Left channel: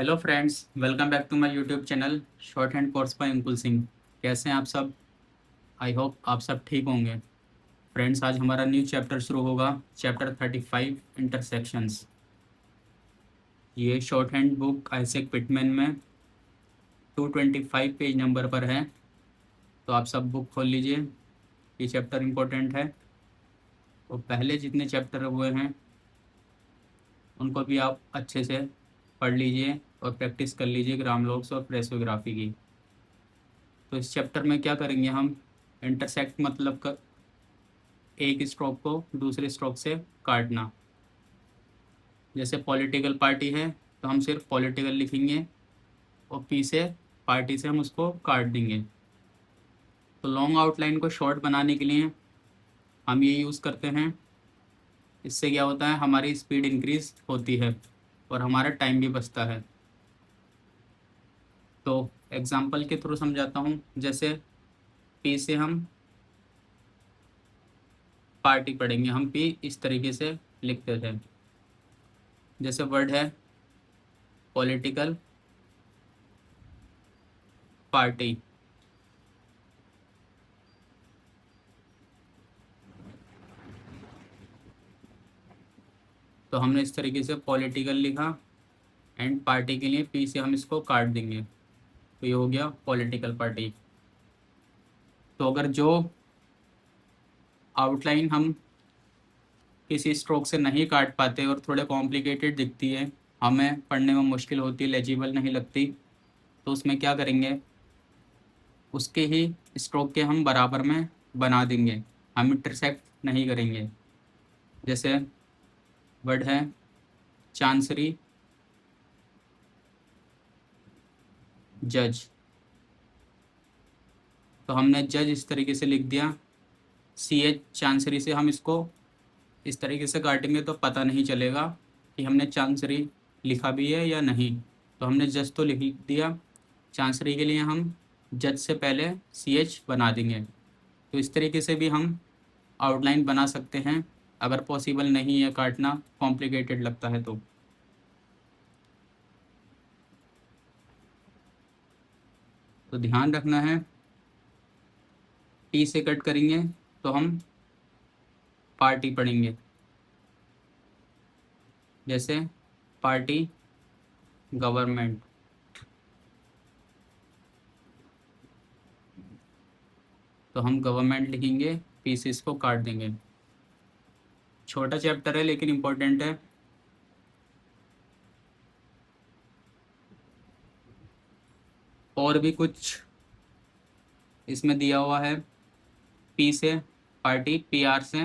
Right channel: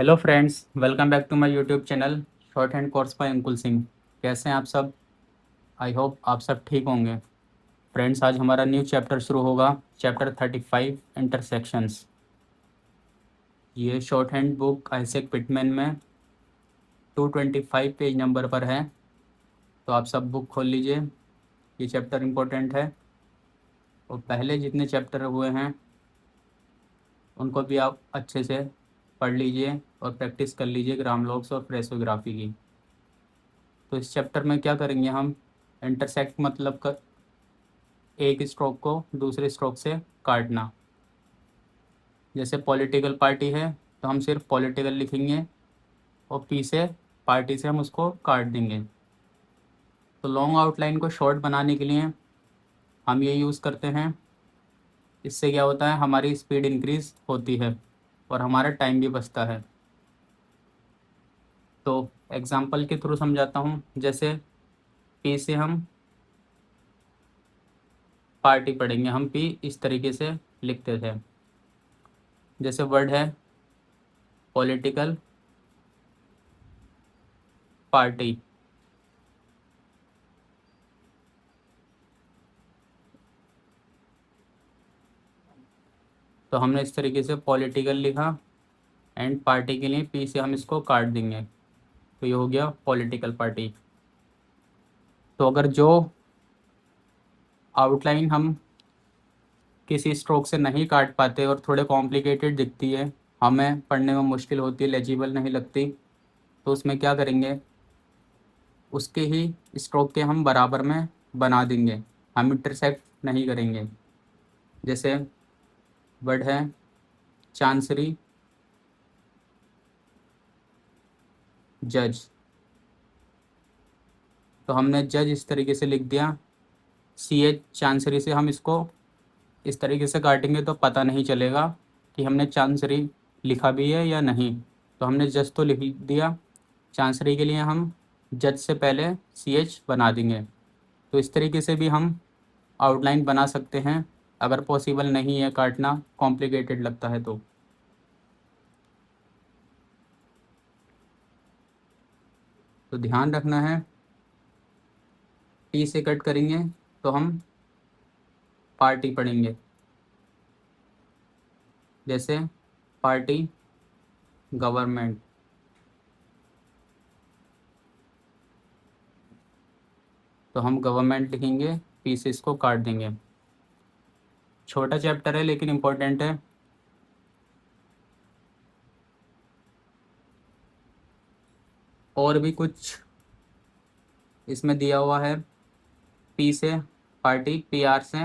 Hello friends, welcome back to my YouTube channel shorthand course by Ankul Singh. कैसे हैं आप सब? आई होप आप सब ठीक होंगे। फ्रेंड्स, आज हमारा न्यू चैप्टर शुरू होगा, चैप्टर 35 इंटरसेक्शंस। ये short hand book Isaac Pitman में 225 पेज नंबर पर है। तो आप सब बुक खोल लीजिए, ये चैप्टर इम्पोर्टेंट है। और पहले जितने चैप्टर हुए हैं उनको भी आप अच्छे से पढ़ लीजिए और प्रैक्टिस कर लीजिए ग्राम लॉग्स और फ्रेसोग्राफी की। तो इस चैप्टर में क्या करेंगे हम? इंटरसेक्ट मतलब एक स्ट्रोक को दूसरे स्ट्रोक से काटना। जैसे पॉलिटिकल पार्टी है तो हम सिर्फ पॉलिटिकल लिखेंगे और पी से पार्टी से हम उसको काट देंगे। तो लॉन्ग आउटलाइन को शॉर्ट बनाने के लिए हम ये यूज़ करते हैं। इससे क्या होता है, हमारी स्पीड इंक्रीज होती है और हमारा टाइम भी बचता है। तो एग्जांपल के थ्रू समझाता हूँ। जैसे पी से हम पार्टी पढ़ेंगे, हम पी इस तरीके से लिखते थे। जैसे वर्ड है पॉलिटिकल पार्टी, तो हमने इस तरीके से पॉलिटिकल लिखा एंड पार्टी के लिए पी से हम इसको काट देंगे, तो ये हो गया पॉलिटिकल पार्टी। तो अगर जो आउटलाइन हम किसी स्ट्रोक से नहीं काट पाते और थोड़े कॉम्प्लिकेटेड दिखती है, हमें पढ़ने में मुश्किल होती है, लेजिबल नहीं लगती, तो उसमें क्या करेंगे, उसके ही स्ट्रोक के हम बराबर में बना देंगे, हम इंटरसेक्ट नहीं करेंगे। जैसे वर्ड है चांसरी जज, तो हमने जज इस तरीके से लिख दिया। सी एच चांसरी से हम इसको इस तरीके से काटेंगे तो पता नहीं चलेगा कि हमने चांसरी लिखा भी है या नहीं। तो हमने जज तो लिख दिया, चांसरी के लिए हम जज से पहले सी एच बना देंगे। तो इस तरीके से भी हम आउटलाइन बना सकते हैं, अगर पॉसिबल नहीं है काटना, कॉम्प्लिकेटेड लगता है तो ध्यान रखना है। टी से कट करेंगे तो हम पार्टी पढ़ेंगे। जैसे पार्टी गवर्नमेंट, तो हम गवर्नमेंट लिखेंगे, पी से इसको काट देंगे। छोटा चैप्टर है लेकिन इम्पोर्टेंट है। और भी कुछ इसमें दिया हुआ है। पी से पार्टी, पी आर से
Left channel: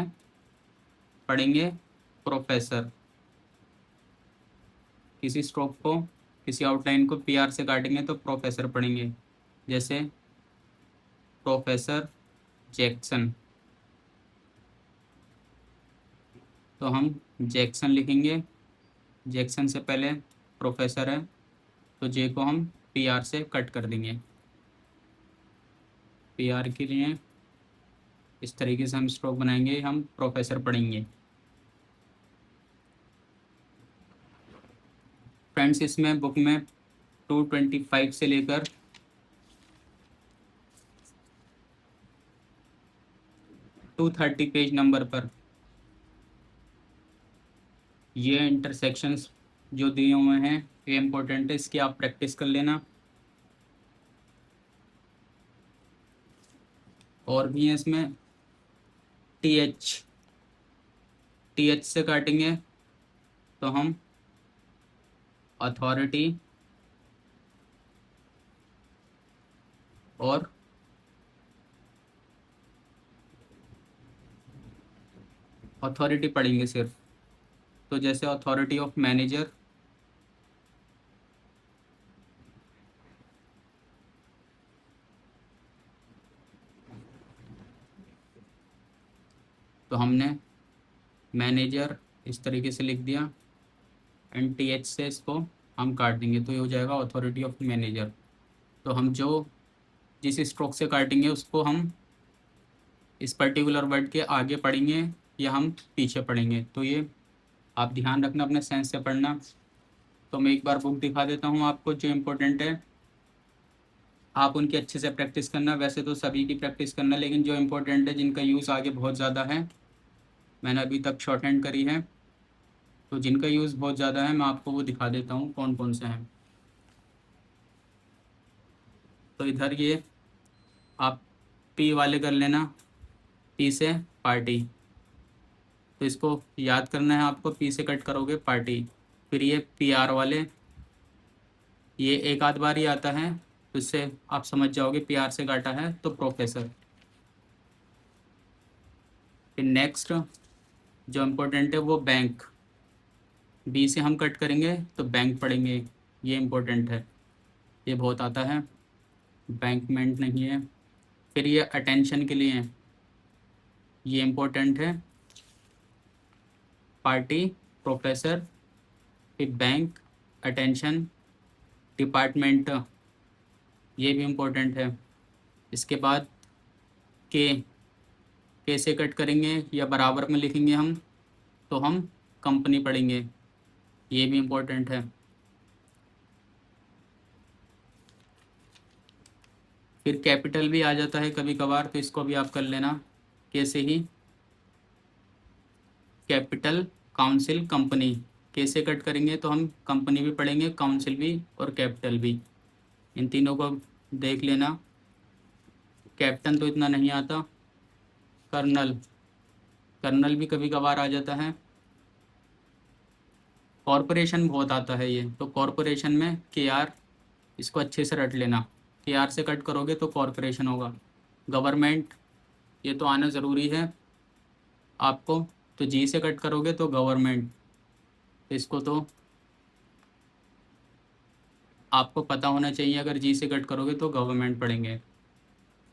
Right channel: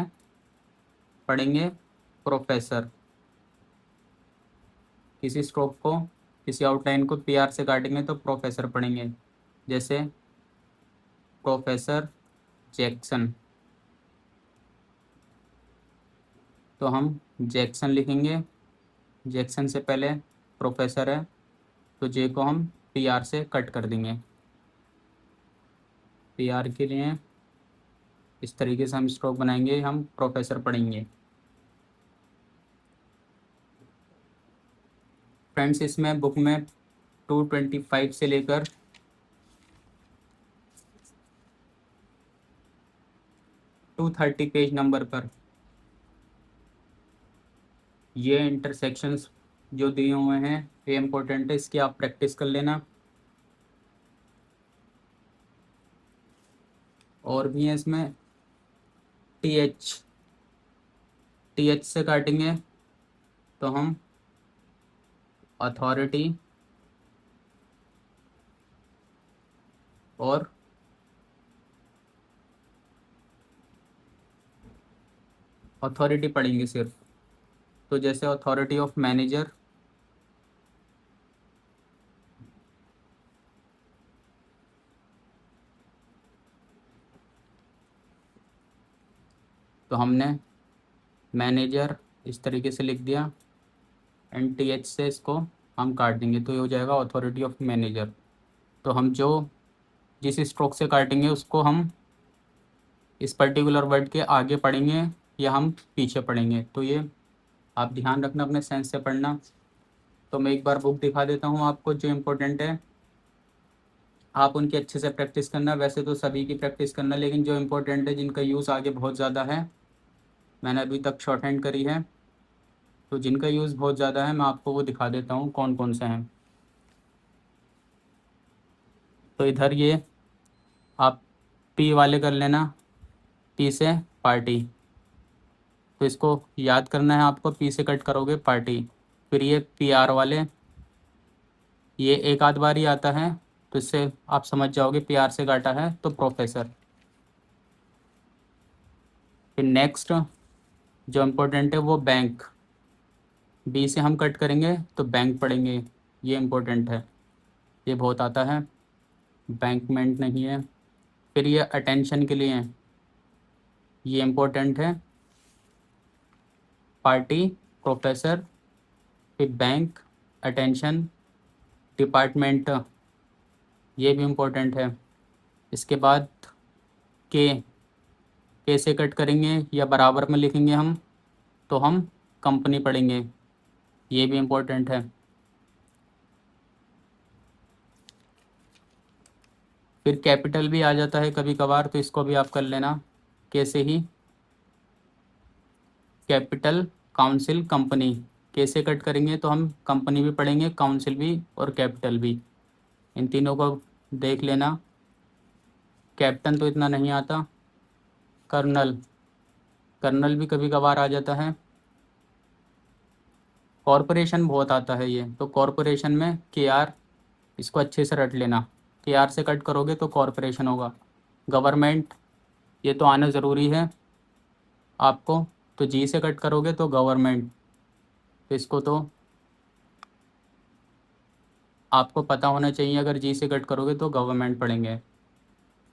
पढ़ेंगे प्रोफेसर। किसी स्ट्रोक को, किसी आउटलाइन को पी आर से काटेंगे तो प्रोफेसर पढ़ेंगे। जैसे प्रोफेसर जैक्सन, तो हम जैक्सन लिखेंगे, जैक्सन से पहले प्रोफेसर है तो जे को हम पी आर से कट कर देंगे। पी आर के लिए इस तरीके से हम स्ट्रोक बनाएंगे, हम प्रोफेसर पढ़ेंगे। फ्रेंड्स, इसमें बुक में 225 से लेकर 230 पेज नंबर पर ये इंटरसेक्शंस जो दिए हुए हैं ये इम्पोर्टेंट है, इसकी आप प्रैक्टिस कर लेना। और भी है इसमें टी एच, टी एच से काटेंगे तो हम अथॉरिटी और अथॉरिटी पढ़ेंगे सिर्फ। तो जैसे अथॉरिटी ऑफ मैनेजर, तो हमने मैनेजर इस तरीके से लिख दिया एंड टी एच से इसको हम काट देंगे तो ये हो जाएगा अथॉरिटी ऑफ मैनेजर। तो हम जो जिस स्ट्रोक से काटेंगे उसको हम इस पर्टिकुलर वर्ड के आगे पढ़ेंगे या हम पीछे पढ़ेंगे, तो ये आप ध्यान रखना, अपने सेंस से पढ़ना। तो मैं एक बार बुक दिखा देता हूँ आपको जो इम्पोर्टेंट है, आप उनकी अच्छे से प्रैक्टिस करना। वैसे तो सभी की प्रैक्टिस करना, लेकिन जो इम्पोर्टेंट है, जिनका यूज़ आगे बहुत ज़्यादा है, मैंने अभी तक शॉर्ट हैंड करी है, तो जिनका यूज़ बहुत ज़्यादा है मैं आपको वो दिखा देता हूँ कौन कौन से हैं। तो इधर ये आप पी वाले कर लेना, पी से पार्टी, तो इसको याद करना है आपको, पी से कट करोगे पार्टी। फिर ये पी आर वाले, ये एक आध बार ही आता है, तो इससे आप समझ जाओगे पी आर से काटा है तो प्रोफेसर। फिर नेक्स्ट जो इम्पोर्टेंट है वो बैंक, बी से हम कट करेंगे तो बैंक पढ़ेंगे, ये इम्पोर्टेंट है, ये बहुत आता है, बैंकमेंट नहीं है। फिर ये अटेंशन के लिए है, ये इम्पोर्टेंट है, पार्टी, प्रोफेसर, फिर बैंक, अटेंशन, डिपार्टमेंट, ये भी इम्पोर्टेंट है। इसके बाद के से कट करेंगे या बराबर में लिखेंगे हम, तो हम कंपनी पढ़ेंगे, ये भी इम्पोर्टेंट है। फिर कैपिटल भी आ जाता है कभी कभार, तो इसको भी आप कर लेना कैसे ही, कैपिटल, काउंसिल, कंपनी। कैसे कट करेंगे तो हम कंपनी भी पढ़ेंगे, काउंसिल भी और कैपिटल भी, इन तीनों को देख लेना। कैप्टन तो इतना नहीं आता, कर्नल, कर्नल भी कभी कभार आ जाता है। कॉरपोरेशन बहुत आता है ये, तो कॉरपोरेशन में के आर, इसको अच्छे से रट लेना, के आर से कट करोगे तो कॉरपोरेशन होगा। गवर्नमेंट, ये तो आना ज़रूरी है आपको, तो जी से कट करोगे तो गवर्नमेंट, तो इसको तो आपको पता होना चाहिए, अगर जी से कट करोगे तो गवर्नमेंट पढ़ेंगे।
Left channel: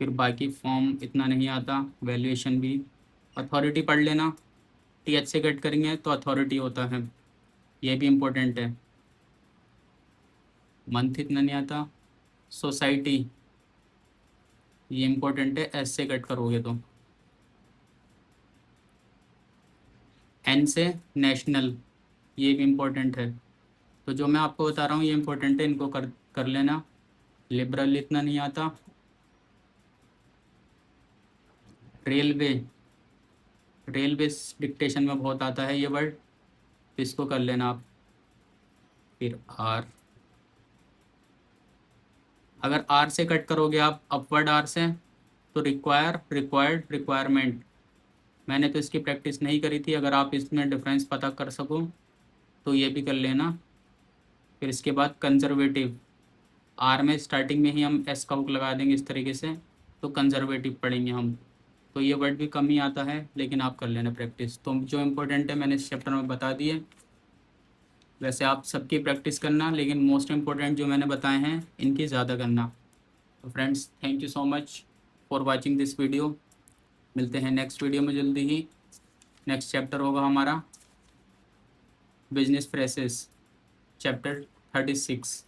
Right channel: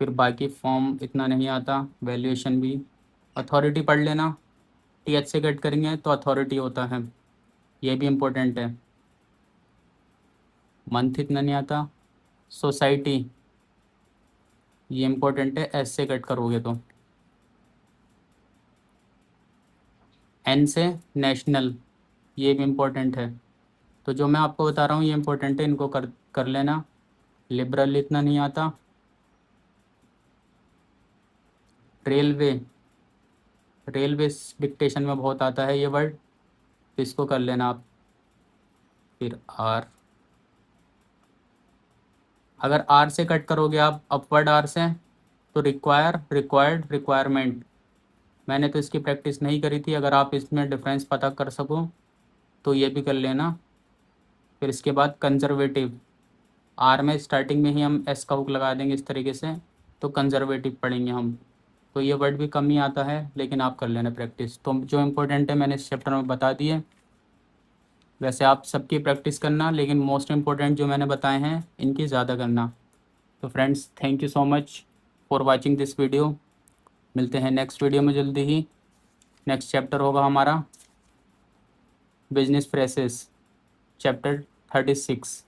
फिर बाकी फॉर्म इतना नहीं आता, वैल्यूएशन भी। अथॉरिटी पढ़ लेना, टी एच से कट करेंगे तो अथॉरिटी होता है, ये भी इम्पोर्टेंट है। मंथ इतना नहीं आता। सोसाइटी, ये इम्पोर्टेंट है, एस से कट करोगे तो। एन से नेशनल, ये भी इम्पोर्टेंट है। तो जो मैं आपको बता रहा हूँ ये इम्पोर्टेंट है, इनको कर कर लेना। लिबरल इतना नहीं आता। रेलवे, रेलवे डिक्टेशन में बहुत आता है ये वर्ड, तो इसको कर लेना आप। फिर आर, अगर आर से कट करोगे आप अपवर्ड आर से, तो रिक्वायर, रिक्वायर्ड, रिक्वायरमेंट। मैंने तो इसकी प्रैक्टिस नहीं करी थी, अगर आप इसमें डिफरेंस पता कर सको तो ये भी कर लेना। फिर इसके बाद कंजर्वेटिव, आर में स्टार्टिंग में ही हम एस का हुक लगा देंगे इस तरीके से, तो कंजर्वेटिव पढ़ेंगे हम। तो ये वर्ड भी कम ही आता है, लेकिन आप कर लेना प्रैक्टिस। तो जो इम्पोर्टेंट है मैंने इस चैप्टर में बता दिए। वैसे आप सबकी प्रैक्टिस करना, लेकिन मोस्ट इम्पोर्टेंट जो मैंने बताए हैं इनकी ज़्यादा करना। तो friends, thank you so much for watching this video. मिलते हैं नेक्स्ट वीडियो में जल्दी ही। नेक्स्ट चैप्टर होगा हमारा बिजनेस फ्रेसेस, चैप्टर 36।